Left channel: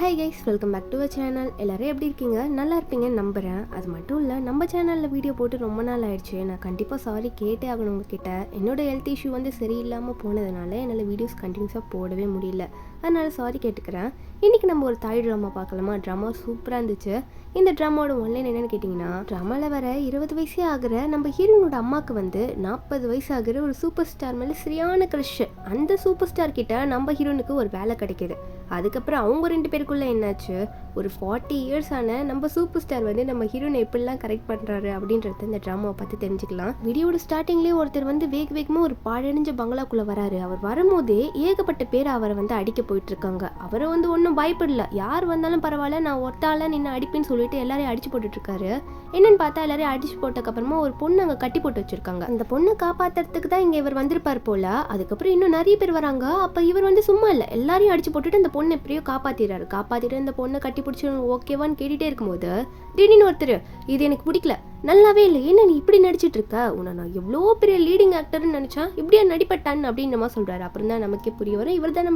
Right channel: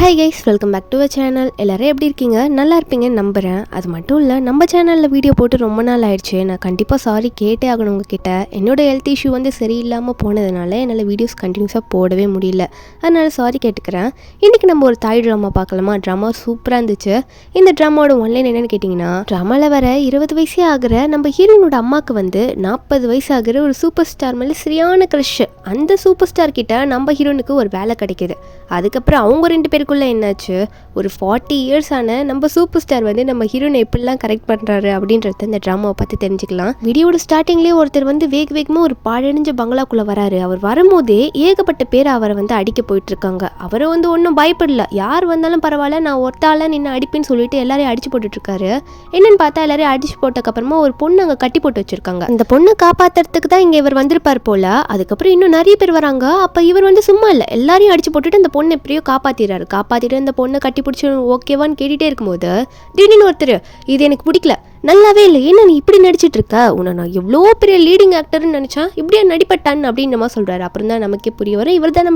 Hi guys, welcome back to a channel. எல்லோரும் எப்படி இருக்கீங்க? நல்லா இருப்பீங்கன்னு நம்புகிறேன். அது மட்டும் இல்லை, நம்ம சேனலில் வீடியோ போட்டு ரொம்ப நாள் ஆயிடுச்சு. நான் கண்டிப்பாக சாரி கேட்டே ஆகணும் உங்ககிட்ட. என்னோட ஹெல்த் இஷ்யூ சரியில்லாமல் போனதுனால என்னால் வீடியோஸ் கண்டினியூஸாக போடவே முடியல. அதனால் சாரி கேட்டுக்கிறேன். இன்றைக்கி நம்ம ஒரு தாய் ட்ராமா பார்க்கலாமா? ட்ராமா சூப்பராக இருந்துச்சு. இந்த ட்ராமாவோட ஒன்லைன் என்னென்னு கேட்டிங்கன்னா, ட்ராமாவில் வர 20 வயசே ஆகிற நம்ம ஹீரோனோட அம்மாவுக்கு 40 வயசு ஆகிற ஒரு சூப்பர் ஸ்டார் மேலே சரியான க்ரஷ். அந்த சூப்பர் ஸ்டார் கிட்ட நம்ம ஹீரோனுக்கு ஒரு வேலை கிடைக்கிது. அதுக்கப்புறம் அவங்க 2 பேருக்குள்ளே என்னாச்சு, ஒரு 40 இயர்ஸ் ஆன நம்ம சூப்பர் ஸ்டார் நம்ம ஹீரோனை எப்படிலாம் கரெக்ட் பண்ணுறாரு அப்படின்றத இந்த ட்ராமாவை பார்த்து தெரிஞ்சுக்கலாம். வீடியோட ஸ்டார்டிங்லேயே ஒருத்தர் வேகமாக ஒரு பாழடைஞ்ச பங்களாக்குள்ளே வராரு. அவர் வரும்போதே ஏகப்பட்ட பேர் அவரை அடிக்க போயிட்டு இருக்காங்க. அவரை ஒன்றும் பயப்படல. யார் வந்தாலும் பரவாயில்ல, நான் ஒருத்தால நின்று அடிப்பேன்னு சொல்லிட்டு எல்லாரையும் அடிச்சு போட்டுட்ருக்காரு. என்னன்னு பார்த்தா எல்லாரையும் அடிச்சு போட்டதுக்கப்புறமா ஒரு பொண்ணு அங்கே கட்டி போட்டு வச்சிருக்காங்க. அந்த பொண்ணை காப்பாற்றுறதுக்கு தான் இங்கே இவர் வந்திருப்பார் போல. அதுக்கப்புறம் இன்னும் நிறைய பேர் வராங்க. அப்போ இவர் சும்மா இல்லை, எல்லாரையும் அடிச்சு போட்டுட்டு அந்த பொண்ணு எப்படியோ காப்பாற்றிட்டு அந்த பொண்ணை கட்டி பிடிச்சி ஓகேவான்னு கேட்டுகிட்டே இருக்கும்போது திடீர்னு ஒருத்தர், இது எனக்கு பிடிக்கல, நல்லாவே இல்லை, ஏன்னா நீ இப்படி நடிச்சிட்டு இருக்க, உன்னை நான் எவ்வளோ பெரிய லீடிங் ஆக்டர்னு நினச்சா இப்படியே நடிப்பட்டான் அப்படின்ற மாதிரி சொல்கிறாரு. அப்புறம் தான் நமக்கே புரிய வரும், இவர் தான்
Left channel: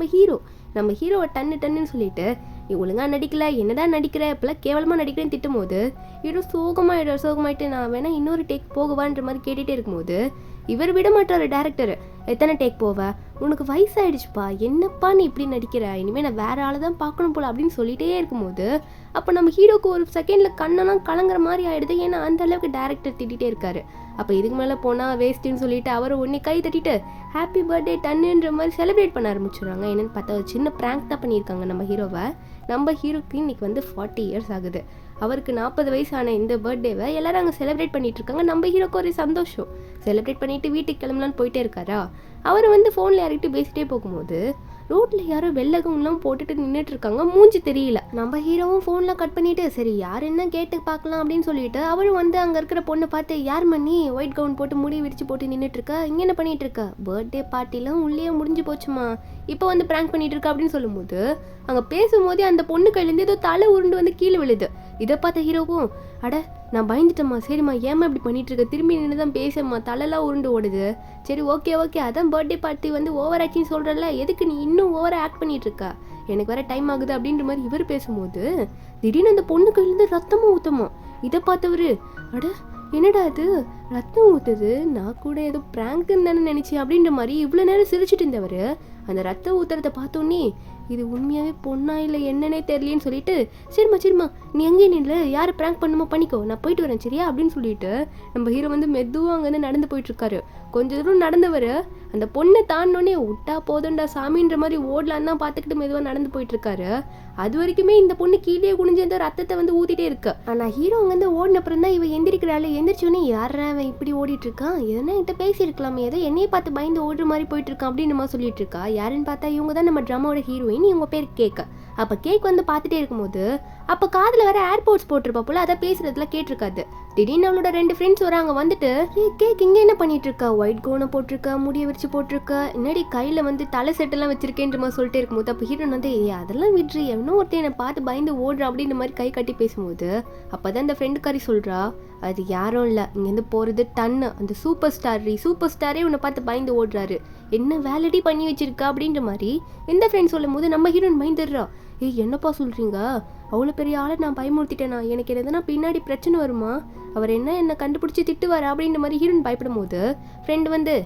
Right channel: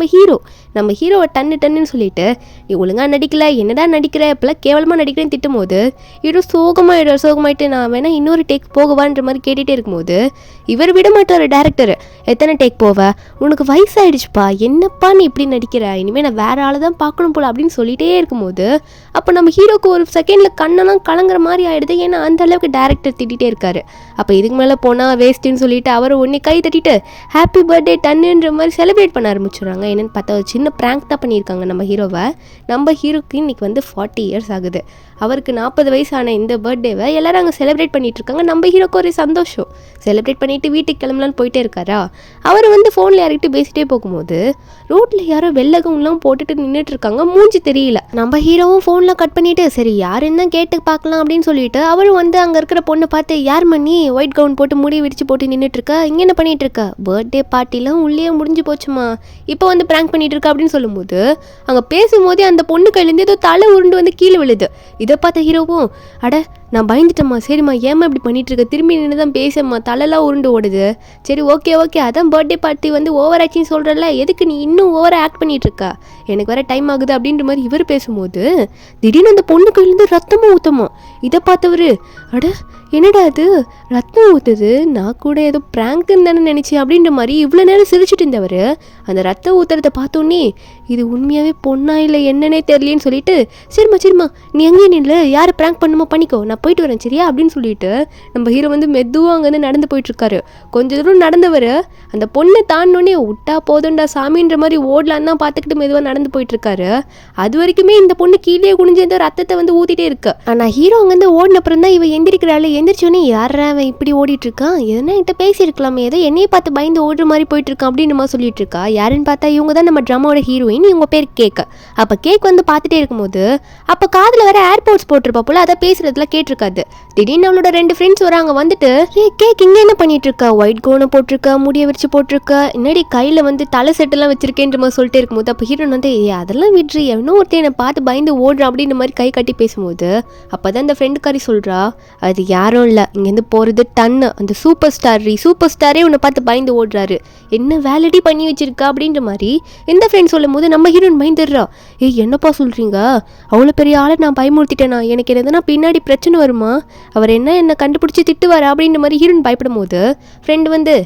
நம்ம ஹீரோவை டன்னு சொல்லிட்டு, நீ ஒழுங்காக நடிக்கல, என்னடா நடிக்கிற, இப்போலாம் கேவலமாக நடிக்கிறேன்னு திட்டும் போது ஹீரோ சோகமாயிட்டு நான் வேணா இன்னொரு டேக் போகவான்ற மாதிரி கேட்டுகிட்டே இருக்கும்போது இவர் விட மாட்டார் டேரக்டர். எத்தனை டேக் போவ, உனக்கு வயசாயிடுச்சுப்பா, என்னப்பா நீ இப்படி நடிக்கிற, இனிமேல் நான் வேற ஆளை தான் பார்க்கணும் போல அப்படின்னு சொல்லிட்டே இருக்கும்போது அப்போ நம்ம ஹீரோக்கு ஒரு செகண்டில் கண்ணெல்லாம் கலங்குற மாதிரி ஆயிடுது. ஏன்னா அந்த அளவுக்கு டேரக்டர் திட்டிகிட்டே இருக்காரு. அப்போ இதுக்கு மேலே போனால் வேஸ்ட்டுன்னு சொல்லிட்டு அவரை ஒன்றே கை தட்டிட்டு ஹாப்பி பர்த்டே டன்னுன்ற மாதிரி செலிப்ரேட் பண்ண ஆரம்பிச்சுடுறாங்க. என்னென்னு பார்த்தா ஒரு சின்ன ப்ராங்க் தான் பண்ணியிருக்காங்க நம்ம ஹீரோவை. நம்ம ஹீரோக்கு இன்னைக்கு 40 இயர்ஸ் ஆகுது. அவருக்கு 40 வயசான இந்த பர்த்டேவை எல்லாரும் அங்கே செலிப்ரேட் பண்ணிட்டு இருக்காங்க. நம்ம ஹீரோக்கு ஒரு சந்தோஷம். செலிப்ரேட் பண்ணிட்டு வீட்டுக்கு கிளம்பலான்னு போயிட்டே இருக்காரா. அவர் ஃபோனில் யார்கிட்ட பேசிட்டே போகும்போது ரோட்டில் யாரோ வெள்ளகம்லாம் போட்டுட்டு நின்றுட்டு இருக்காங்க. மூஞ்சி தெரியல. நம்ம ஹீரோவும் ஃபோனில் கட் பண்ணிட்டு சரி யாருன்னு தான் கேட்டு பார்க்கலாம் அப்படின்னு சொல்லிட்டு அவரும் அங்கே இருக்கிற பொண்ணை பார்த்து, யார் மணி ஒயிட் கவுன் போட்டு முடி விரிச்சு போட்டு நின்றுட்டு இருக்கா, இங்கே என்ன பண்ணிட்டு இருக்கா, பர்த்டே பார்ட்டிலாம் உள்ளே முடிஞ்சு போச்சுமா, இப்போ ப்ராங்க் பண்ணிட்டு இருக்கா அப்படின்னு சொல்லும்போது அங்கே பேசும்போதே அந்த பொண்ணு கையிலேருந்து ஏதோ தலை உருண்டு கீழே விழுது. இதை பார்த்த ஹீரோவும், அட நான் பயந்துட்டேம்மா, சரிம்மா ஏமா இப்படி பண்ணிட்டு இருக்க, திரும்பி நின்று தான் பேசம்மா, தலைலாம் உருண்டு ஓடுது, சரி ஓகே அதான் பர்த்டே பார்ட்டி ஓவர் ஆக்டிங் சொல்கிறல்ல, எதுக்கு நீ இன்னும் ஓவராக ஆக்ட் பண்ணிட்டு இருக்கா, எனக்கு வர டைம் ஆகுது அப்படின்ற மாதிரி இவர் பேசும்போது திடீர்னு அந்த பொண்ணு கையிலேருந்து ரத்தமும் ஊற்றமா. இதை பார்த்தவர், அட என்னடா அது ரத்தம் ஊற்றுது, நான் கூட ஏதோ ப்ராங்க்குன்னு தானே நினச்சேன் அப்படின்ற மாதிரி இவ்வளோ நேரம் சிரிச்சுட்டு இருந்தவர் அந்த ரத்தம் ஊற்றுறத பார்த்தோன்னே இது உண்மையாகவே பொண்ணா இல்லை என்னன்னே தெரியலேன்னு சொல்லிட்டு, சரிம்மா நீ எங்கேயே நில்ல, யாரை ப்ராங்க் பண்ணுமோ பண்ணிக்கோ, நான் போயிட்டு வரேன் சரியா அப்படின்னு சொல்லிட்டு நம்ம ஹீரோ மெதுவாக அங்கேருந்து நடந்து போயிட்டுருக்காரு. கொஞ்சம் தூரம் நடந்தவர் அந்த பொண்ணை தாண்டோன்னே விட்டா போதும்டா சாமின்ற மாதிரி ஓடலான்னு தான் பார்த்துக்கிட்டு மெதுவாக நடந்து போயிட்டுருக்காரு. அது வரைக்குமே இந்த பொண்ணு கீழே குனிஞ்சு அந்த ரத்தத்தை ஊற்றிட்டே இருக்கு. ஆனால் ஹீரோ அங்கேருந்து ஓடினப்புறம் தான் இவன் எந்திரிக்கிறாள். எந்திரிச்சோன்னே யாரா அவன் இப்படி ஓடிட்டு இருக்கான், எதனா என்கிட்ட பேசியிருக்கலாமே, ஏதோ என்னையை பார்த்து பயந்து ஓடுற மாதிரி போயிட்டு இருக்கான் அப்படின்னு நம்ம சொல்லிட்டு இருக்கா. யாருன்னு பார்த்தா இவங்க தான் நம்ம ட்ராமாவோட ஹீரோயின். இவங்க பேர் கேக். அப்போ கேக் பார்த்துட்டே இருக்கும்போது அப்போ காதில் வர ஏர்போர்ட்ஸ் போட்டிருப்பா போல, அதை பேசுறதுல கேட்டிருக்காது. திடீர்னு அவளோட 2 ஃப்ரெண்ட்ஸ் வராங்க. கேக் இங்கே என்ன பண்ணிட்டு இருக்கா, ஒயிட் கவுனை போட்டிருக்கா, முடிய விரிச்சு போட்டிருக்கா, என்னடி கையில் தலை செட்டெல்லாம் வச்சிருக்கேன்ற மாதிரி சொல்லிட்டே இருக்கும்போது அப்போ ஹீரோன் அதெல்லாம் விட்டுரு, எவனோ ஒருத்தர் என்னை பார்த்து பயந்து ஓடுறான் அப்படின்ற மாதிரி கை கட்டி பேசும்போது அப்போதான் அந்த ஃப்ரெண்டுக்காரி சொல்கிறா, அது யாரும் இல்லை, இங்கேருந்து போகிறது டன்னு, அந்த சூப்பர் ஸ்டாரே உன்னை பார்த்து பயந்து ஓடுறாரு, என்ன வேலடி பண்ணி வச்சிருக்கா அப்படின்ற மாதிரி இந்த ஃப்ரெண்ட் சொல்லும் போது நம்ம ஹீரோயின் பயந்துடுறா. என்னப்பா சொல்கிறீங்க, அவ்வளோ பெரிய ஆளை நான் பயமுறுத்திட்டேனா, எனக்கு என்னதுன்னா பின்னாடி பிரச்சனை வருமா, அவர் என்னை கண்டுபிடிச்சி திட்டுவார் அப்படின்ற மாதிரி ஹீரோயின் பயப்படும் போது ஃப்ரெண்டு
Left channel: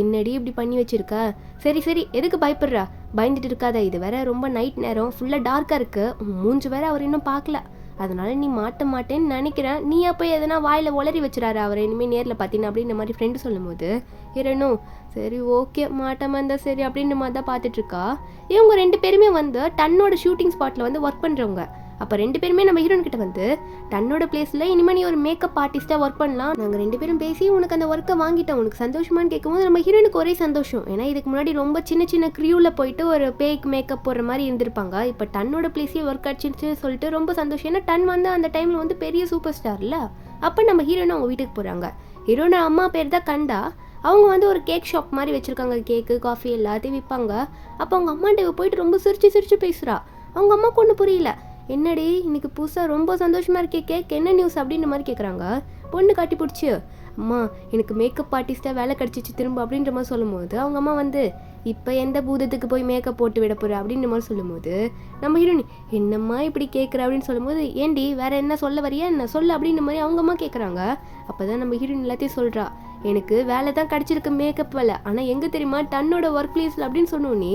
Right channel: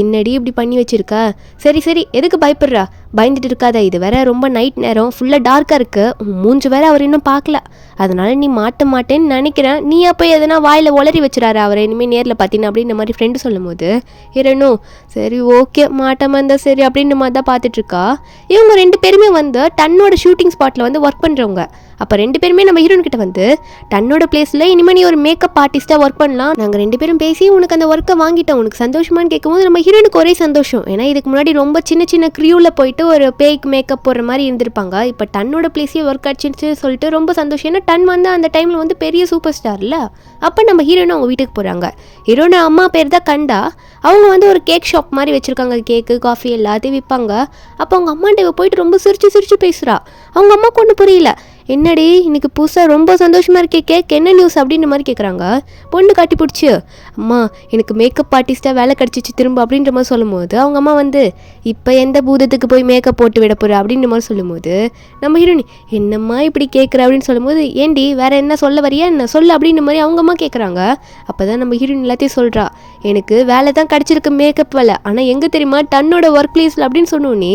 என்னடி இப்படி பண்ணி வச்சிருக்கா, சரி எதுக்கு பயப்படுறா, பயந்துட்டு இருக்காத, இது வேற ரொம்ப நைட் நேரம், ஃபுல்லாக டார்க்காக இருக்குது, மூஞ்சி வேற அவர் இன்னும் பார்க்கல, அதனால நீ மாட்டேன்னு நினைக்கிறேன், நீ அப்போ எதனா வாயில் உளறி வச்சுறாரு அவர் இனிமேல் நேரில் பார்த்தீங்கன்னா அப்படின்ற மாதிரி ஃப்ரெண்டு சொல்லும் போது இரணும் சரி ஓகே மாட்டமாக இருந்தால் சரி அப்படின்ற மாதிரி தான் பார்த்துட்ருக்கா. இவங்க 2 பேருமே டன்னோட ஷூட்டிங் ஸ்பாட்டில் ஒர்க் பண்ணுறவங்க. அப்போ 2 பேருமே நம்ம ஹீரோன் கிட்ட டன்னோட பிளேஸில் இனிமேல் நீ ஒரு மேக்கப் ஆர்டிஸ்ட்டாக ஒர்க் பண்ணலாம், நாங்கள் 2 பேரும் பேசி உனக்கு அந்த ஒர்க்கை வாங்கிட்டோம், உனக்கு சந்தோஷமானு கேட்கும்போது நம்ம ஹீரோனுக்கு ஒரே சந்தோஷம். ஏன்னா இதுக்கு முன்னாடி ரொம்ப சின்ன க்ரியூவில் போயிட்டு ஒரு பேய்க்கு மேக்கப் போடுற மாதிரி இருந்திருப்பாங்க. இப்போ டன்னோட பிளேஸே ஒர்க் ஆச்சுன்னு சொல்லிட்டு ரொம்ப சந்தோஷம். ஏன்னா டன் அந்த டைமில் பெரிய சூப்பர் ஸ்டார் இல்லை. அப்போ நம்ம ஹீரோனை அவங்க வீட்டுக்கு போகிறாங்க. ஹீரோனை அம்மா பேர் தான் கண்டா. அவங்க ஒரு கேக் ஷாப் மாதிரி வச்சுருக்காங்க, கேக்கு காஃபி எல்லாத்தையும் விற்பாங்க. அப்போ அவங்க அம்மாண்ட போயிட்டு ரொம்ப சிரிச்சு பேசுகிறா. அவங்க அம்மாவுக்கு ஒன்றும் புரியல, என்னடி இன்னைக்கு புதுசாக ரொம்ப சந்தோஷமாக இருக்கே, கேக் என்ன நியூஸ் அப்படின்ற மாதிரி கேட்குறாங்க. பொண்ணு காட்டி பிடிச்சி, அம்மா எனக்கு மேக்கப் ஆர்டிஸ்ட்டாக வேலை கிடச்சிச்சு திரும்ப அப்படின்ற மாதிரி சொல்லும்போது அவங்க அம்மா வந்து, இப்போ எந்த பூதத்துக்கு போய் மேக்கப் போட்டு விட போகிற அப்படின்ற மாதிரி சொல்லும்போது நம்ம ஹீரோனி, என்னம்மா இப்படி கேட்குற அப்படின்னு சொல்லும்போது, ஏண்டி வேற என்ன சொல்ல வரியா என்ன சொல்லு அப்படின்ற மாதிரி அவங்க அம்மா கேட்குறாங்க. அப்போ தான் நம்ம ஹீரோயின் எல்லாத்தையும் சொல்கிறா, எனக்கு வேலை தான் கிடச்சிருக்கு மேக்கப் வேலை, ஆனால் எங்கே தெரியுமா தன்னோட ஒர்க் பிளேஸில் அப்படின்னு சொன்னோன்னே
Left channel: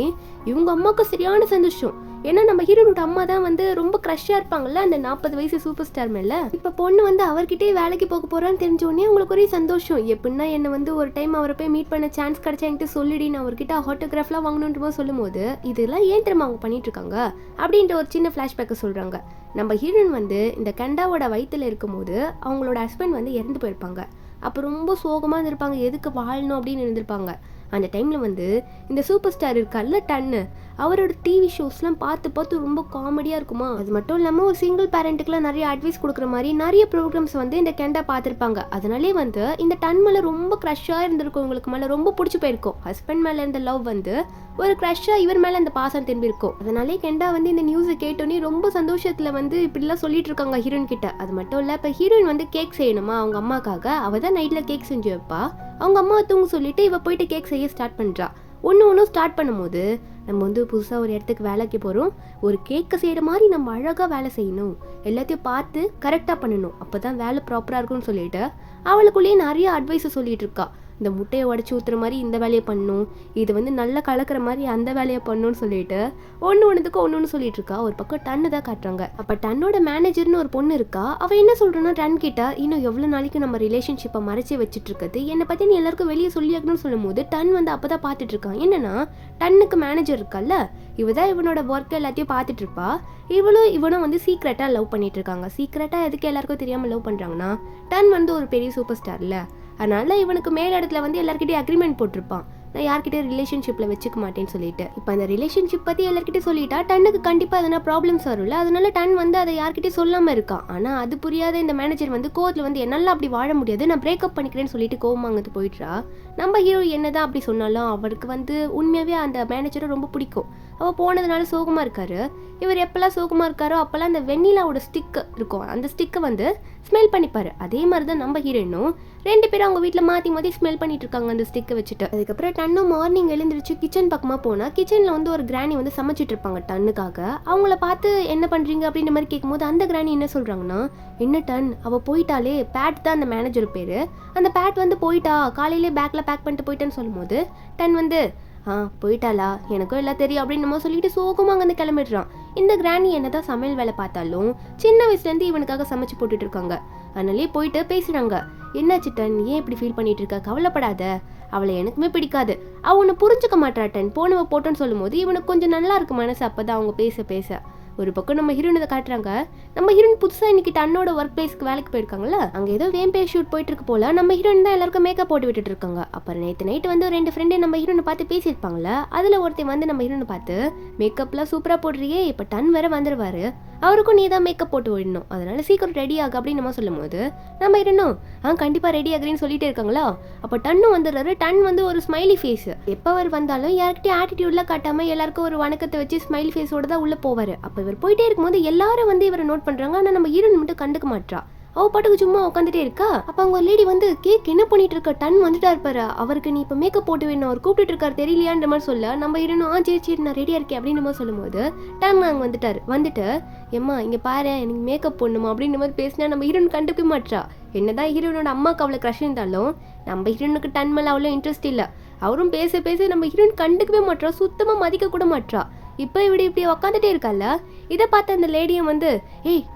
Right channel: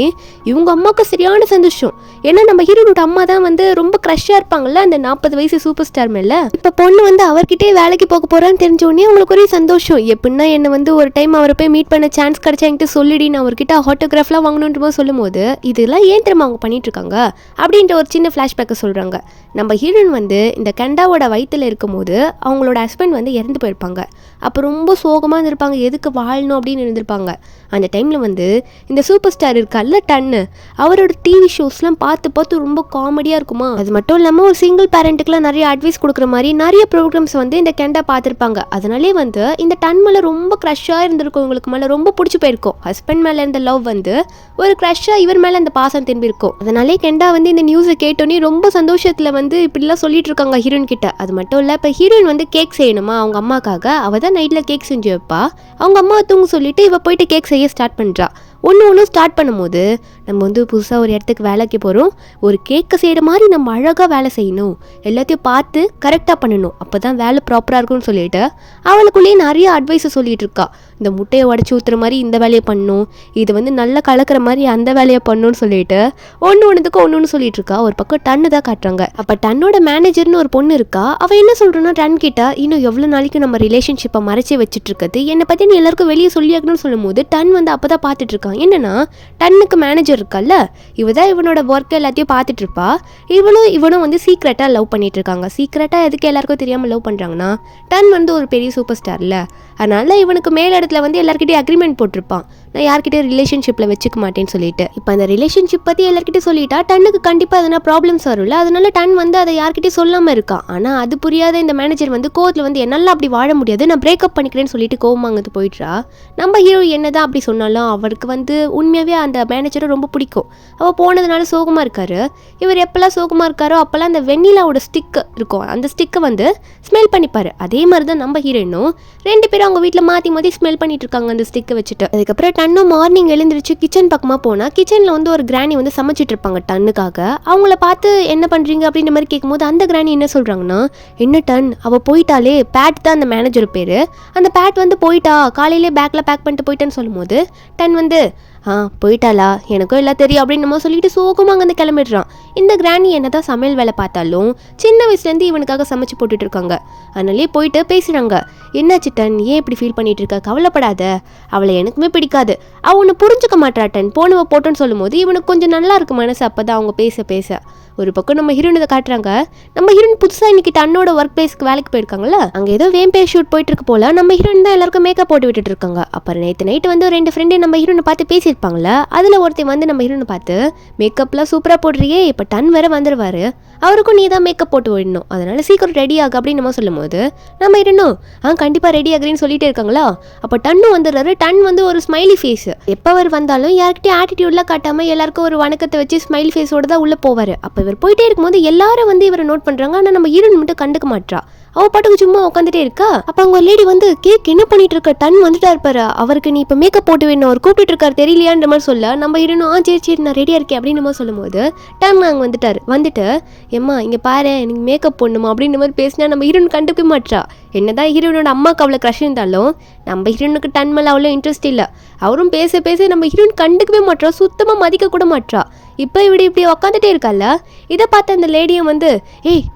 இவங்க அம்மாவுக்கு சரியான சந்தோஷம். ஏன்னா நம்ம ஹீரோனோட அம்மா தான் வந்து ரொம்ப க்ரஷ்ஷாக இருப்பாங்கல்ல அந்த 40 வயசு சூப்பர் ஸ்டார் மேலே. இப்போ பொண்ணு வந்து அவர்கிட்டே வேலைக்கு போக போகிறான்னு தெரிஞ்சோடனே அவங்களுக்கு ஒரே சந்தோஷம். எப்படின்னா என்னை வந்து ஒரு டைம் அவரை போய் மீட் பண்ண சான்ஸ் கிடச்சா என்கிட்ட சொல்லிடி, நான் அவர்கிட்ட ஆட்டோகிராஃப்லாம் வாங்கணுன்ற போது சொல்லும்போது இதெல்லாம் ஏன் தெரியுமா அவங்க பண்ணிட்டு இருக்காங்க அப்படின்ற ஒரு சின்ன ஃப்ளாஷ்பேக்கை சொல்கிறாங்க. நம்ம ஹீரோயின் வந்து இந்த கெண்டாவோட வயிற்றில் இருக்கும் போது அவங்களோட ஹஸ்பண்ட் வந்து இறந்து போயிருப்பாங்க. அப்போ ரொம்ப சோகமாக இருந்திருப்பாங்க, எதுக்கு வாழணும் அப்படின்னு இருந்திருப்பாங்க. அந்த டைமில் வந்து இந்த சூப்பர் ஸ்டார் இருக்கார்ல டன்னு, அவரோட டிவி ஷோஸ்லாம் பார்த்து பார்த்து ரொம்ப காமெடியாக இருக்குமா. அது மட்டும் இல்லாமல் ஒரு சிங்கிள் பேரண்ட்டுக்குலாம் நிறைய அட்வைஸ் கொடுக்குற மாதிரி நிறைய ப்ரோக்ராம்ஸ் வந்து இந்த கெண்டா பார்த்துருப்பாங்க. அதனாலே வந்து இந்த டன் மேலே ரொம்ப க்ரஷ்ஷாக இருந்திருக்கும், இவங்களுக்கு மேலே ரொம்ப பிடிச்சி போயிருக்கும். ஹஸ்பண்ட் மேலே இருந்த லவ் வந்து ஒரு க்ரஷ்ஷாக இவர் மேலே அந்த பாசம் திரும்பியிருக்கும். அதனாலே கெண்டா வந்து இந்த நியூஸை கேட்டோன்னே ரொம்ப சந்தோஷத்தில் வந்து இப்படிலாம் சொல்லிட்டு இருக்காங்க ஹீரோயின் கிட்ட. அது மட்டும் இல்லை, இப்போ ஹீரோயின் வந்து கேக் செய்யணுமா அவங்க அம்மாக்காக, அவள் தான் நைட்டில் கேக் செஞ்சு வைப்பா. அவங்க அம்மா தூங்க சொல்லிட்டு இவ போயிட்டு கேக் செய்ய ஸ்டார்ட் பண்ணுறா. ஒன்று ஸ்டார்ட் பண்ணும்போது நம்ம வந்து புதுசாக ஒரு இடத்துக்கு வேலைக்கு போகிறோம், ஒரு கேக்கை செய்கிற மாதிரி நம்ம அழகாக வேலை செய்யணும், எல்லாத்தையும் பார்த்து கரெக்டாக பண்ணணும், அப்போ தான் வேலை ப்ராப்பராக இருக்கும்னு சொல்லிட்டு அவளுக்குள்ளேயே நிறைய அட்வைஸை சொல்லிகிட்டு இருக்கா. இந்த முட்டையை உடச்சி ஊற்றுற மாதிரி இந்த வேலையை பண்ணணும், இது வந்து நல்லா கலக்கிற மாதிரி அந்த வேலையை பண்ணணும்னு சொல்லிட்டு ஒன்றுத்துக்கு ஒன்று சொல்லிட்டு இருக்கா. ஒரு பக்கம் டன்னு தான் காட்டுறாங்க. அப்போ டன்னோட மேனேஜர்னு ஒரு பொண்ணு இருக்கா. அவள் என்ன சொல்கிறோன்னா, டன் கிட்ட இன்னும் எவ்வளோ நாளைக்கு நம்ம ரிலேஷன்ஷிப்பை மறைச்சி வச்சுட்டு இருக்குது, என்னை பற்றி நீ எல்லாருக்கும் வெளியே சொல்லியாக்கணும்னு சொல்லும் போது டன் வந்து அப்போ தான் பார்த்துட்டு இருக்கான். என்னன்னா டன்னுக்கு மேனேஜர் இருக்கல்ல, இவ தான் இவனோட ஒர்க் எல்லாத்தையும் பார்த்துட்டு இருப்பா. இவனும் வந்து சீக்ரெட்டாக லவ் பண்ணிட்டு இருக்காங்க. சீக்ரெட்டாக எதுக்கு எல்லாருக்கும் தெரியாமல் லவ் பண்ணுறாங்கன்னா, டன் வந்து ஒரு பெரிய சூப்பர் ஸ்டார்ல, அதனால இவனுக்கு மேல் இடத்துல வந்து எல்லாருக்கிட்டையும் அக்ரிமெண்ட் போட்டிருப்பான், நான் யார்கிட்டயும் ரிலேஷன்ஷிப்பில் வச்சுக்க மாட்டேன்னு சொல்லிட்டு. இப்போ அந்த ரிலேஷன்ஷிப் பற்றி எல்லாருக்கிட்டையும் சொல்லிட்டா டன்னுக்கு கண்டிப்பாக எதனா ப்ராப்ளம்ஸ் வரும்ல, அதனால டன் வந்து அதை யார்கிட்டையும் சொல்லாமல் இருக்கான். ஆனால் அது புரியாத இந்த மேனேஜர் வந்து கோவத்தில் வந்து என்னால் அப்படி வாழ முடியாது, நான் பிரேக்கப் பண்ணிக்கிறேன்னு சொல்லிட்டு கோவமாங்கிறது போயிடுறா. நம்ம ஹீரோ என்னதான் அப்படி சொன்னாலும் அவருக்கு வந்து உண்மையாகவே அந்த மேனேஜரை ரொம்ப பிடிக்கும். அவள் போனதுனால சோகமாக இருக்காரு. இவர் எப்போல்லாம் சோகமாக இருக்காரோ அப்போல்லாம் அந்த வெண்ணிலாவோட ஸ்டிக்கு இருக்கும், அந்த ஸ்டிக்கை வந்து ஸ்மெல் பண்ணிப்பார். அதே மாதிரி தான் நம்ம ஹீரோயினும் 2 பேரும் அவங்க வீட்டில் மாற்றி ஸ்மெல் பண்ணிட்டு இருக்காங்க அந்த ஸ்டிக்கை வச்சுட்டு. அதுக்கப்புறம் டன்னும் மார்னிங் எழுந்திரிச்சு கிச்சன் பக்கமாக போனால் கிச்சனில் வந்து ஒரு கிராணி வந்து சமைச்சிட்டு இருப்பாங்க டன்னுக்காக. அவங்கள பார்த்து என்ன பண்ணுறீங்க அப்படின்ற மாதிரி கேட்கும்போது அந்த கிராணி என்ன சொல்கிறாங்கன்னா, என்ன டன் அவள் போயிட்டாலே, பேட் தான் அந்த மேனேஜர் பேர், அந்த பேட் வந்து போயிட்டா, காலையிலே பேக்கில் பேக் பண்ணிட்டு போயிட்டான்னு சொல்லும்போது டன் வந்து போயிட்டாளா, எனக்கும் எல்லாம் தெரியும் அப்படின்னு நம்ம சொல்லிட்டு சோகமாக அங்கேருந்து கிளம்பிடுறான். இந்த கிராணி என்னதான் சமையல் வேலை பார்த்தாலும் சின்ன வயசுலேருந்து இவனுக்காக சமைச்சு போட்டுட்டு இருக்காங்க. அதனாலே போயிட்டு பேசுகிறாங்க, என்னாச்சு டன், ஏன் இப்படி ஃபீல் பண்ணிட்டு இருக்க, கவலைப்படாத, அவளை எனக்குமே பிடிக்காது, அவள் ஒன்று புரிஞ்சுக்க மாட்டாட்டன், போனவ போட்டோன்னு சொல்லும்போது இவனுக்கு கொஞ்சம் நல்லா இருக்கு மனசு. அப்போ தான் அவங்க பேச ஒரு பக்கம் நம்ம ஹீரோனை காட்டுறாங்க. நம்ம ஹீரோயின் புதுசாக இன்னைக்கு தன்னோட ஒர்க் பிளேஸ்க்கு வேலைக்கு போயிருக்காங்கல்ல, அங்கே ஏதோ வேம்பே ஷூட் போயிட்டு இருக்கு போல. நம்ம ஹீரோயின் தான் எல்லாருக்கும் மேக்கப் போட்டு விட்டுட்டு இருக்காங்க. அப்புறம் நேற்று நைட்டு வந்து 2 ஃப்ரெண்டு நம்ம ஹீரோனை பார்த்து பேசியிருப்பாங்களே, அதில் ஒருத்தர் வந்து நம்ம ஹீரோனை பார்த்து, மேக்கப்லாம் சூப்பராக போடுறியே, இப்போ டன் வேற வந்துடுவார், அவருக்கும் நீ தான் மேக்கப் போட்டு விடணும், அதனால சீக்கிரம் ரெடி ஆகு அப்படின்னு நம்ம சொல்லும் போது நம்ம ஹீரோனும் கண்டிப்பாக ரெடி ஆகுறேன்னு சொல்லிட்டே இருக்காங்களா. அப்போ டன்னும் வந்துடுறாரு. டன் வந்து ஒரு ஸ்மைலி ஃபேஸ், எப்போ அவர் வந்தாலும் யார்கிட்டயும் ஆட்டிடியூட்லாம் காட்டாமல் எல்லாருக்கும் ஒரு வணக்கத்தை வச்சு ஸ்மைலி ஃபேஸோட தான் உள்ளே போவார். அப்போ இவர் போயிட்டே இருக்கும்போது எல்லாரும் வந்து இவரை நோட் பண்ணுறாங்க. ஆனால் நம்ம ஹீரோயின் மட்டும் கண்டுக்க மாட்டா. அவ பாட்டுக்கு சும்மா உட்காந்துட்டே இருக்கா. அப்போ அவங்க லேடி வந்து, கேக் என்ன பண்ணிட்டு இருக்க, டன் வந்துட்டா இருப்பாரு, அவருக்கு நீ இப்போ மேக்கப் போட்டு வேணும், அவர் கூப்பிட்டு இருக்காரு தெரியலையான்ற மாதிரி சொல்ல நம்ம ஹீரோனும் சரி நான் ரெடியாக இருக்கேன் அப்படின்னு நம்ம சொல்லும் போது டன் அங்கே வந்துட்டு எம்மா இங்கே பாரு எனக்கு மேக்கப் போடணுமா அப்படின்ற மாதிரி பேசினா நம்ம ஹீரோயின் கண்டுக்க மாட்டா. என்னதான் ஹீரோனோட அம்மாவுக்கு அவ்வளோ க்ரஷ் இருந்தாலும் நம்ம ஹீரோனுக்கு டன் மேலே அவ்வளோ இன்ட்ரெஸ்ட் இல்லை. அவரும் பேச நம்ம ஹீரோயின் கண்டுக்கவே மாட்டா, சுத்தமாக மதிக்க கூட மாட்டா. இப்போ இப்படி உக்காந்துட்டே இருக்கால, இதை பார்த்த அந்த லேடியும் வந்து,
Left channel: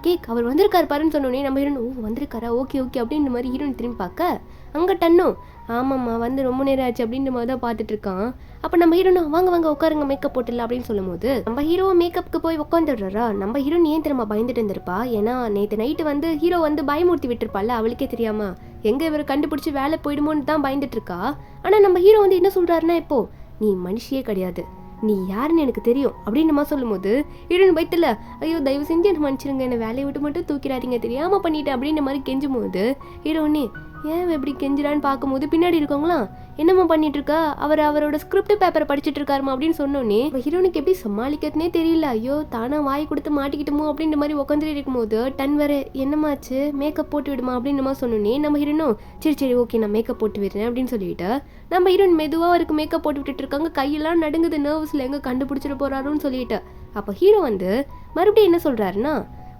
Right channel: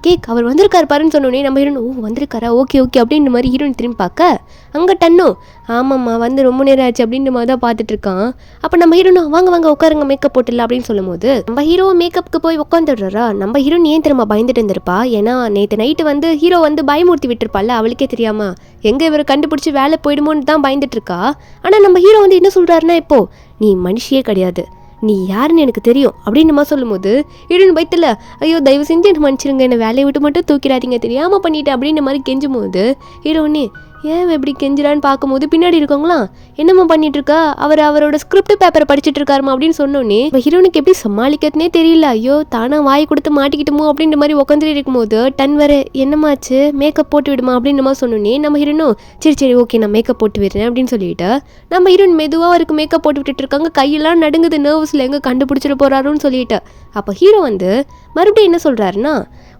கேக் அவர் வந்திருக்காரு பாருன்னு சொன்னோன்னே நம்ம ஹீரோன் வந்திருக்காரா, ஓகே அப்படின்ற மாதிரி ஹீரோயின் திரும்பி பார்க்க அங்கே டன்னும் ஆமாம்மா வந்து ரொம்ப நேரம் ஆச்சு அப்படின்ற மாதிரி தான் பார்த்துட்டு இருக்கான். அப்போ நம்ம ஹீரோனும் வாங்க உட்காருங்க மேக்கப் போட்டுல அப்படின்னு சொல்லும் போது நம்ம ஹீரோ மேக்கப்புக்கு போய் உட்காந்துடுறா. நம்ம ஹீரோன் ஏன் திரும்ப பயந்துட்டு இருந்திருப்பா, ஏன்னா நேற்று நைட்டு வந்து ஹீரோ வந்து பயமூர்த்தி விட்டுருப்பால, அவளுக்கே தெரியாம எங்கே இவரை கண்டுபிடிச்சி வேலை போயிடுமோன்னு தான் பயந்துட்டு இருக்கா. ஆனால் நம்ம ஹீரோ வந்து என்ன சொல்கிறாருன்னா, இப்போ நீ மனுஷியே கிடையாது, நீ யாருன்னு எனக்கு தெரியும் அப்படின்னு நம்ம சொல்லும் போது ஹீரோயின் பயத்தில், ஐயோ தயவு செஞ்சு என்ன மன்னிச்சிருங்க, என்னை வேலையை விட்டு மட்டும் தூக்கிடாதீங்க, தெரியாமல் பண்ணிட்டேன் அப்படின்ற மாதிரி கெஞ்சும் போது ஹீரோனே ஏன் எப்படி கெஞ்சிரான்னு பார்க்கும்போது பின்னாடி இருக்கவங்களாம் என்னம்மா பண்ணிட்டு இருக்கா, அவரோட ஸ்கிரிப்ட் பேப்பரை படிச்சுட்டு இருக்காருமா அப்படின்னு சொன்னோன்னே ஹீரோனுக்கு எப்படி சமாளிக்கிறதுனே தெரியல. ஐயோ தானா வாய் கொடுத்து மாட்டிக்கிட்டுமோ அப்படின்ற மாதிரி உட்காந்துட்டு இருக்கும்போது டன் வர என்னமாச்சு மேக்கப் போட்டு விடுமா அப்படின்னு நம்ம சொன்னோன்னே நம்ம ஹீரோனும் சரி சரி ஓகே நான் மேக்கப் போட்டு விடுறேன் அப்படின்னு சொல்லிட்டு நம்ம ஹீரோன் மெதுவாக அவருக்கு மேக்கப் போட்டு விட்டுட்டு இருக்காங்க. கையெல்லாம் நடுங்குது, நர்வஸில் எங்கே கண்டுபிடிச்சிட்டு போறாருன்னு சொல்லிட்டு. அப்போ ஹீரோ வந்து மறுபடியும் என்ன சொல்கிறாருன்னா,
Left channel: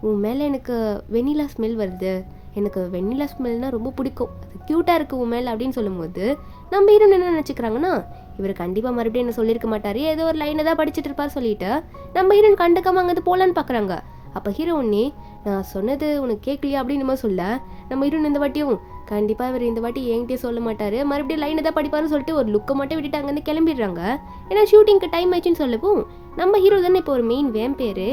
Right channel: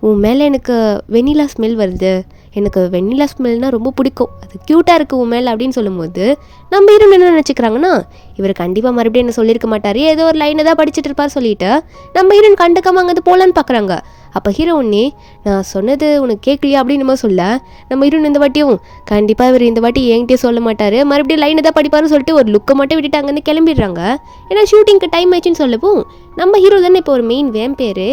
உன் மேலே எனக்கு வெனிலா ஸ்மெல் வருது, எனக்கு வெண்ணிலா ஸ்மெல்னால் ரொம்ப பிடிக்கும், அது க்யூட்டாக இருக்குது உன் மேலே அப்படின்னு சொல்லும்போது நம்ம ஹீரோன் என்ன நினச்சிக்கிறாங்கன்னா, இவர் கண்டிப்பாக மறுபடியும் என்ன சொல்லியிருக்க மாட்டார், ஏதோ ஒரு லைனை தான் படிச்சுட்டு இருப்பார் சொல்லிட்டு நம்ம ஹீரோன் கண்டுக்காம அங்கே போகலான்னு பார்க்குறாங்க. அப்போ ஹீரோ ஒன்னே நான் சொன்னது உனக்கு கேட்கலையா அப்படின்னு நம்ம சொல்ல நம்ம ஹீரோன் இந்த வாட்டியும் கண்டிப்பாக இவர் இந்த வாட்டி என்கிட்டயே சொல்ல மாட்டார், மறுபடியும் லைனை தான் படிப்பாருன்னு சொல்லிட்டு ஒரு லுக்கை மட்டும் விட்டுட்டு அங்கேருந்து கிளம்பிடுறாங்க. ஏன்னா ஷூட்டிங்க்கு டைம் ஆயிடுச்சுன்னு சொல்லவும் நம்ம ஹீரோ தானே இப்போ ஒரு மெயின் வேம்பேர்,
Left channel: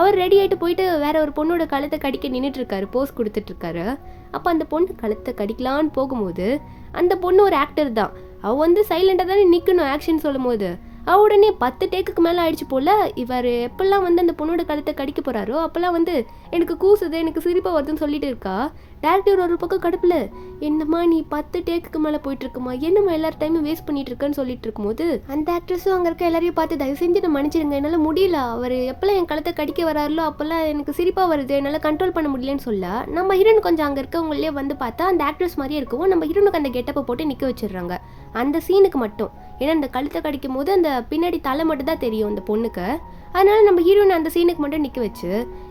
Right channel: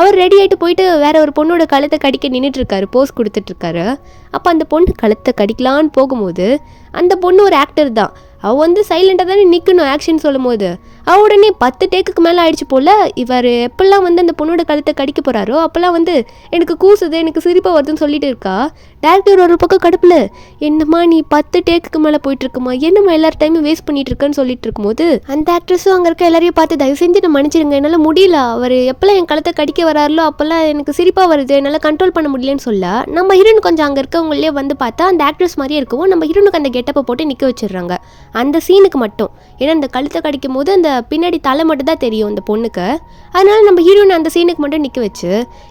அவர் ரெடி ஆகிட்டு போயிட்டு வேற ஒரு பொண்ணோட கழுத்தை கடிக்க நின்றுட்டுருக்காரு, போஸ் கொடுத்துட்ருக்காரு. அப்போ அந்த பொண்ணு கழுத்தை கடிக்கலான்னு போகும்போது அந்த பொண்ணு ஒரு ஆக்டர் தான், அவள் வந்து சைலண்டாக தானே நிற்கணும் ஆக்ஷன் சொல்லும் போது, அவள் உடனே 10 டேக்குக்கு மேலே ஆயிடுச்சு போல். இவர் எப்பெல்லாம் வந்து அந்த பொண்ணோட கழுத்தை கடிக்க போகிறாரோ அப்போல்லாம் வந்து எனக்கு கூசுது, எனக்கு சிரிப்பாக வருதுன்னு சொல்லிட்டு இருக்கா. டேரக்டர் ஒரு பக்கம் கடுப்பில் என்னம்மா நீ 10 டேக்குக்கு மேலே போயிட்டுருக்குமா, என்னம்மா எல்லார் டைமும் வேஸ்ட் பண்ணிட்டு இருக்கேன்னு சொல்லிட்டு இருக்கும்போது அந்த ஆக்ட்ரஸும் அங்கே இருக்க எல்லாரையும் பார்த்து தயவு செஞ்சு நான் மன்னிச்சிடுங்க, என்னால் முடியல, அவர் எப்போல்லாம் என் கழுத்தை கடிக்க வராரோ அப்போல்லாம் எனக்கு சிரிப்பாக வருது, என்னால் கண்ட்ரோல் பண்ண முடியலன்னு சொல்ல நம்ம ஹீரோன் கொஞ்சம் அங்கே இருக்கவங்களே வந்து பார்த்தா அந்த ஆக்ட்ரஸ் மாதிரியே இருக்கவும் நம்ம ஹீரோனுக்கு அந்த கெட்டப்பை போட்டு நிற்க வச்சிடுறாங்க அந்த சீனுக்கு மட்டும். ஏன்னா அந்த கழுத்தை கடிக்கும் போது அந்த பின்னாடி தலை மட்டும் தான் தெரியும் அந்த பொண்ணுக்கு, அதனால நம்ம ஹீரோயின் அந்த சீனுக்கு மட்டும் நிற்க வச்சு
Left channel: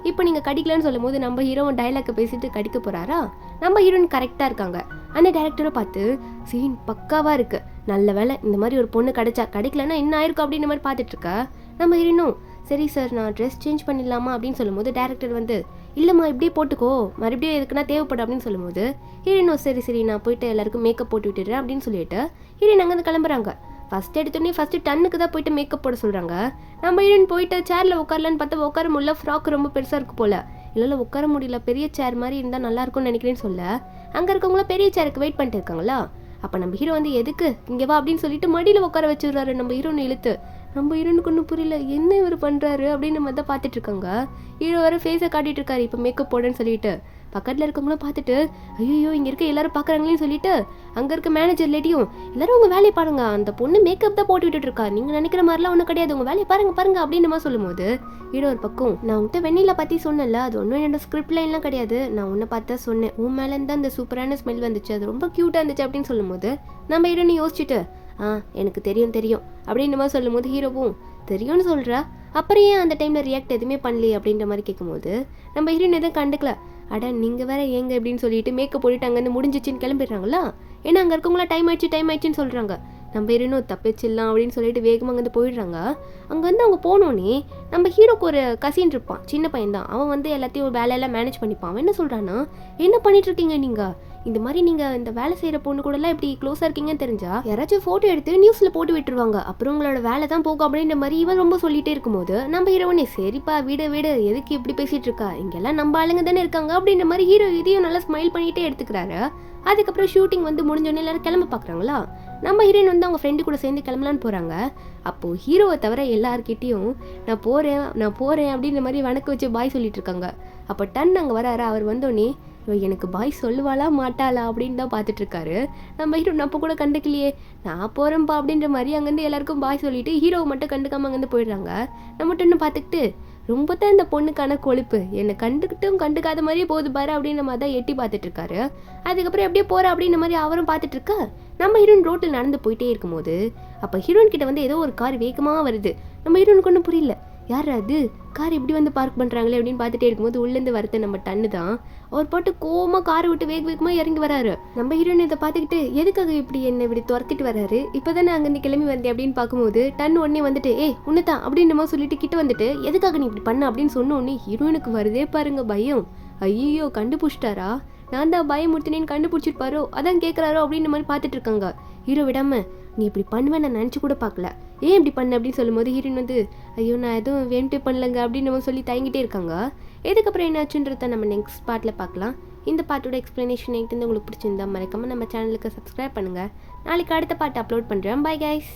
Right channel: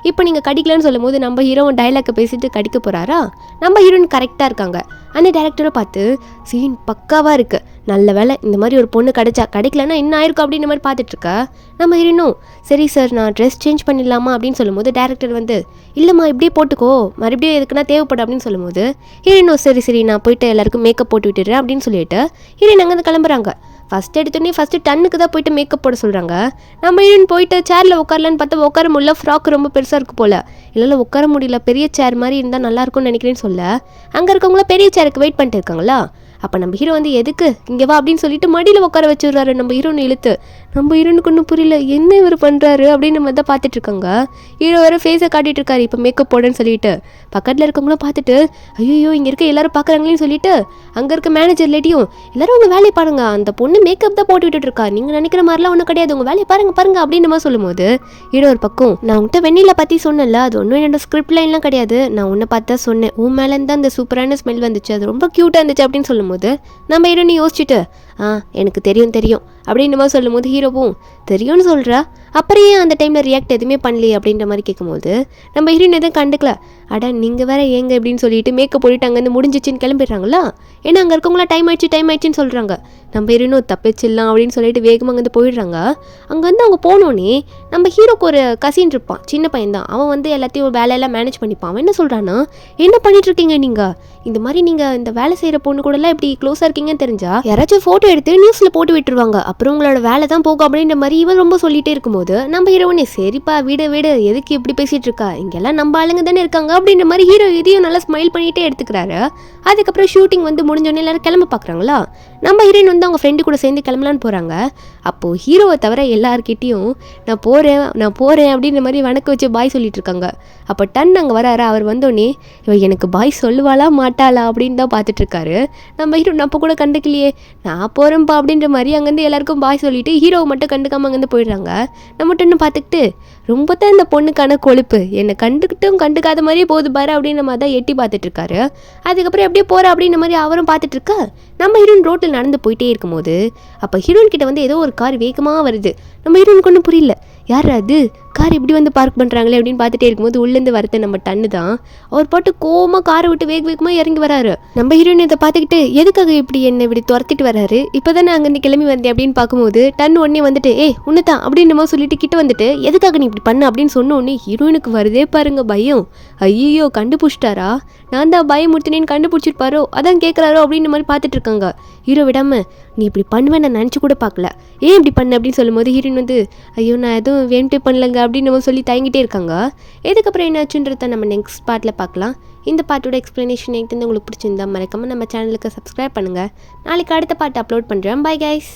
இப்போ நீங்கள் கடிக்கலன்னு சொல்லும் போது நம்ம ஹீரோயின் டைலாக்கை பேசிட்டு கடிக்க போகிறாரா. நம்ம ஹீரோயின் கரெக்டாக இருக்காங்க, அந்த டேரக்டரை பார்த்து சீன் பக்காவாக இருக்குது, நல்ல வேலை இந்த மாதிரி ஒரு பொண்ணு கிடைக்கலன்னா என்ன ஆயிருக்கும் அப்படின்ற மாதிரி பார்த்துட்ருக்கா. நம்ம ஹீரோனும் சரி சார் நான் ட்ரெஸ் சேஞ்ச் பண்ணிடலாமா அப்படின்னு சொல்லும்போது டேரக்டர் வந்து இல்லைம்மா இப்படியே போட்டுக்கோ, மறுபடியும் எதுக்குன்னா தேவைப்படும் அப்படின்னு சொல்லும்போது ஹீரோனும் சரி சரி நான் போயிட்டு எல்லாருக்கும் மேக்கப் போட்டு விட்டுடுறேன் அப்படின்னு சொல்லிட்டு ஹீரோயின் அங்கேருந்து கிளம்புறாங்க. ஃபஸ்ட் எடுத்தோடனே ஃபஸ்ட்டு டன்னுக்கு தான் போயிட்டு மேக்கப் போட சொல்கிறாங்க. நம்ம ஹீரோயின் போயிட்டு சேரில் உட்காரலான்னு பார்த்தா உட்கார முடியல, ஃப்ராக் ரொம்ப பெருசாக இருக்குது போல், இல்லை உட்கார முடியல, பெரிய சேர் மாதிரி இருந்தால் நல்லாயிருக்கும்னு நினைக்கிறேன்னு சொல்ல அங்கே இருக்கவங்கள பெரிய சேருக்கு வெயிட் பண்ணிட்டு இருக்காங்களா. அப்போ நம்ம ஹீரோ வந்து எதுக்கு இங்கே வா அப்படின்னு சொல்லிட்டு மடியில் உட்கார வச்சுடுறாரு நம்ம ஹீரோனை இழுத்து. நம்ம ஹீரோனுக்கு ஒன்றும் புரியல என்ன இவர் பண்ணுறாரு அப்படின்னு நம்ம தான் பார்த்துட்டு இருக்காங்க. ஹீரோ வேறு ஃபேஸை காட்டிட்டு இருக்காரு இப்போ மேக்கப் போடுன்னு சொல்லிட்டு. பக்கத்தில் இருக்கவங்களும் பார்த்துட்டு ஐயோ இங்கே இருக்க எல்லாரும் பார்க்குறாங்களேன்னு சொல்லிட்டு அங்கே இருக்க மேனேஜர் லேடியும் எல்லாரும் உங்கள் வேலையை பாருங்க, அந்த பொண்ணு மேக்கப் தான் போட்டு விட்டுட்டு இருக்கா, நீங்கள் நினைக்கிற மாதிரிலாம் ஒன்றும் கிடையாது, உங்கள் வேலையை பாருங்க அப்படின்னு நம்ம சொல்லும்போது ஹீரோ ஒரு பக்கம் நான் உன்கிட்ட வெண்ணில பற்றி சொன்னல, அது ஒன்றும் என்னோட ஸ்கிரிப்ட் லைன்லாம் கிடையாது, நான் உன்னை பார்த்தா சொன்னேன், உன் மேலேருந்து அந்த சூப்பரான ஸ்மெல் வந்துச்சு, அது ரொம்ப க்யூட்டாக இருந்துச்சு அப்படின்னு சொல்லும்போது நம்ம ஹீரோனி யோசிச்சுட்டு எனக்கு தெரியும் அப்படின்ற மாதிரி சொல்லும்போது ஹீரோவும் தெரியும்னு சொல்கிறா, அப்புறம் ஏன் அந்த டைமில் ரியாக்ட் எதுவுமே பண்ணலையே அப்படின்ற மாதிரி கேட்கும்போது நம்ம ஹீரோயின் எதுவும் கண்டுக்கல. அடா நீங்கள் வேற ஏங்க அப்படின்னு சொல்லிட்டு மேக்கப் போட்டுட்டு அங்கேருந்து முடிஞ்சிச்சின்னு கிளம்பிடுறாங்களா. ஏன்னா அங்கே இருக்கவங்களா டைம் ஆயிடுச்சுன்னு சொல்கிறாங்க. நம்ம ஹீரோனும் தப்பிச்சிடலாம் அப்படின்னு சொல்லிட்டு வேகமாக அங்கேருந்து போயிடுறாங்க. அங்கேருந்து அவங்க போனோன்னே நம்ம ஹீரோக்கு ஒரு கசின் இருப்பான், சின்ன பையன் தான், அவன் வந்து எல்லாத்தையும் வேலையெல்லாம் மேனேஜ் பண்ணிப்பான். அவன் என்ன சொல்கிறான்னா என்ன பண்ணிட்டுருக்கீங்க நீங்கள், இந்த மாதிரி நீங்கள் இந்த வேலை செய்கிற பொண்ணு கூடலாம் இப்படி க்ளோஸாக இருக்கீங்கன்னு தெரிஞ்சா யாராச்சும் ஃபோட்டோ எடுத்து நியூஸில் போட்டு விட்டுருவாங்க, அப்புறம் உங்களோட வேலை தான் போகும் அப்படின்ற மாதிரி இவன் ரொம்ப சொல்லிகிட்டே இருக்கும்போது நம்ம ஹீரோனே சரிப்பா வீடு எதுக்கு இப்படி பேசிகிட்டு இருக்கா, இங்கெல்லாம் நம்ம ஆளுங்க தானே இருக்காங்க அப்படின்ற மாதிரி ஹீரோ இதையும் நல்லா ஸ்மைல் பண்ணிகிட்டே எடுத்துக்கிறாரு. அதுக்கப்புறம் ஷூட்டிங் வந்து முடிஞ்சோடனே எல்லாரும் கிளம்ப பார்க்குறாங்களா. நம்ம ஹீரோயின் வந்து அவங்க ஃப்ரெண்டு கூட சேர்ந்து கிளம்பலான்னு போகிறாங்க. அப்போது ஹீரோவை தவிர எல்லாருக்கிட்டையும் நான் போகிறேன் அப்படின்ற மாதிரி வணக்க வச்சு பாய் சொல்லிட்டு இருக்காங்க. அப்போ டன் அங்கே வராரு. அவர் வந்தோடனே இவன் எனக்கு பாய் சொல்லுவாளா மாட்டாளா அப்படின்னு தான் பார்த்துட்ருக்காரு. நம்ம ஹீரோ நம்ம கூட கண்டுக்கலையே, நான் போகிறேன்ப்பா அப்படின்ற மாதிரி அங்கேருந்து எல்லாருக்கும் பாய் சொல்லிவிட்டு ஹீரோவை மட்டும் கண்டுக்காமல் அங்கேருந்து போயிடுறாங்க. நம்ம டன்னு பார்த்துக்கிட்டு ரொம்ப தான் இந்த பொண்ணுக்கான கொழுப்பு, என்னை கண்டுக்காத மாதிரியே போகுது பாரு அப்படின்ற மாதிரி தான் எட்டி பார்த்துட்ருக்காரு. அதுக்கப்புறம் எப்படியே போகிற அப்படின்ற மாதிரி அவரும் பார்த்துட்ருக்கா. நம்ம ஹீரோயின் ரோட்டில் நடந்து போயிட்டே இருக்கும்போது அப்போ ஹீரோயின் கிட்ட வந்து ஏதோ ஒரு கார் வேகமாக வருது. நம்ம ஹீரோனுக்கு ஒன்றும் புரியல, யார் அது கார் இப்படி வந்து பார்க் பண்ணுறாங்களே அப்படின்னு பார்த்துட்டே இருக்கும்போது உள்ளேருந்து வரது நம்ம டன்னு தான். அவர் பாட்டு கோவமாக காரை விட்டு வேகமாக இறங்கி வராரு. நம்ம ஹீரோயின் இதை பார்த்துக்கிட்டு எதுக்காக இப்படி என்னை இப்படி துரத்திட்டு வராரு, இப்போ தானே அங்கேருந்து கிளம்பி வந்தேன் அப்படின்னு பார்க்கும்போது டன் உடனே வந்துட்டு உன்னதான் அப்படின்னு நம்ம சொல்லிட்டு கிட்ட வந்துட்டு எதுக்காக நீ இப்படி பண்ண அப்படின்னு சொன்ன உடனே ஹீரோயினுக்கு வருதே பாருங்க பயம். ஐயோ கண்டுபிடிச்சிட்டாரா, நான் தான் பயமுறுத்தினேன்னு கண்டுபிடிச்சிருப்பாரோ அதான் கேட்குறாரோ அப்படின்ற மாதிரி பார்த்துட்டு இருக்காங்க. ஹீரோ விடாம நீ இப்படி பண்ணுவேன் நான் நினச்சி கூட பார்க்கல, ஏன் இப்படி பண்ண அப்படின்னு சொல்லும்போது ஹீரோயின் வந்து ஐயோ நான் எதுவும் வேண்டே பண்ணலங்க அப்படின்னு நம்ம சொல்லி தயங்கிட்டே இருக்காங்க. இதுக்கப்புறம் என்னாச்சுன்றத நம்ம நெக்ஸ்ட் பார்ட்டில் பார்க்கலாம். இந்த பாட்டோட எக்ஸ்ப்ளனேஷன் எனக்கு உங்களுக்கு பிடிச்சிருந்தா மறக்காமல் நம்ம சேனலுக்கு சப்ஸ்கிரைப் பண்ணுங்கள். நாளைக்கு அடுத்த பாட்டு அப்லோட் பண்ணுறேன். Bye guys.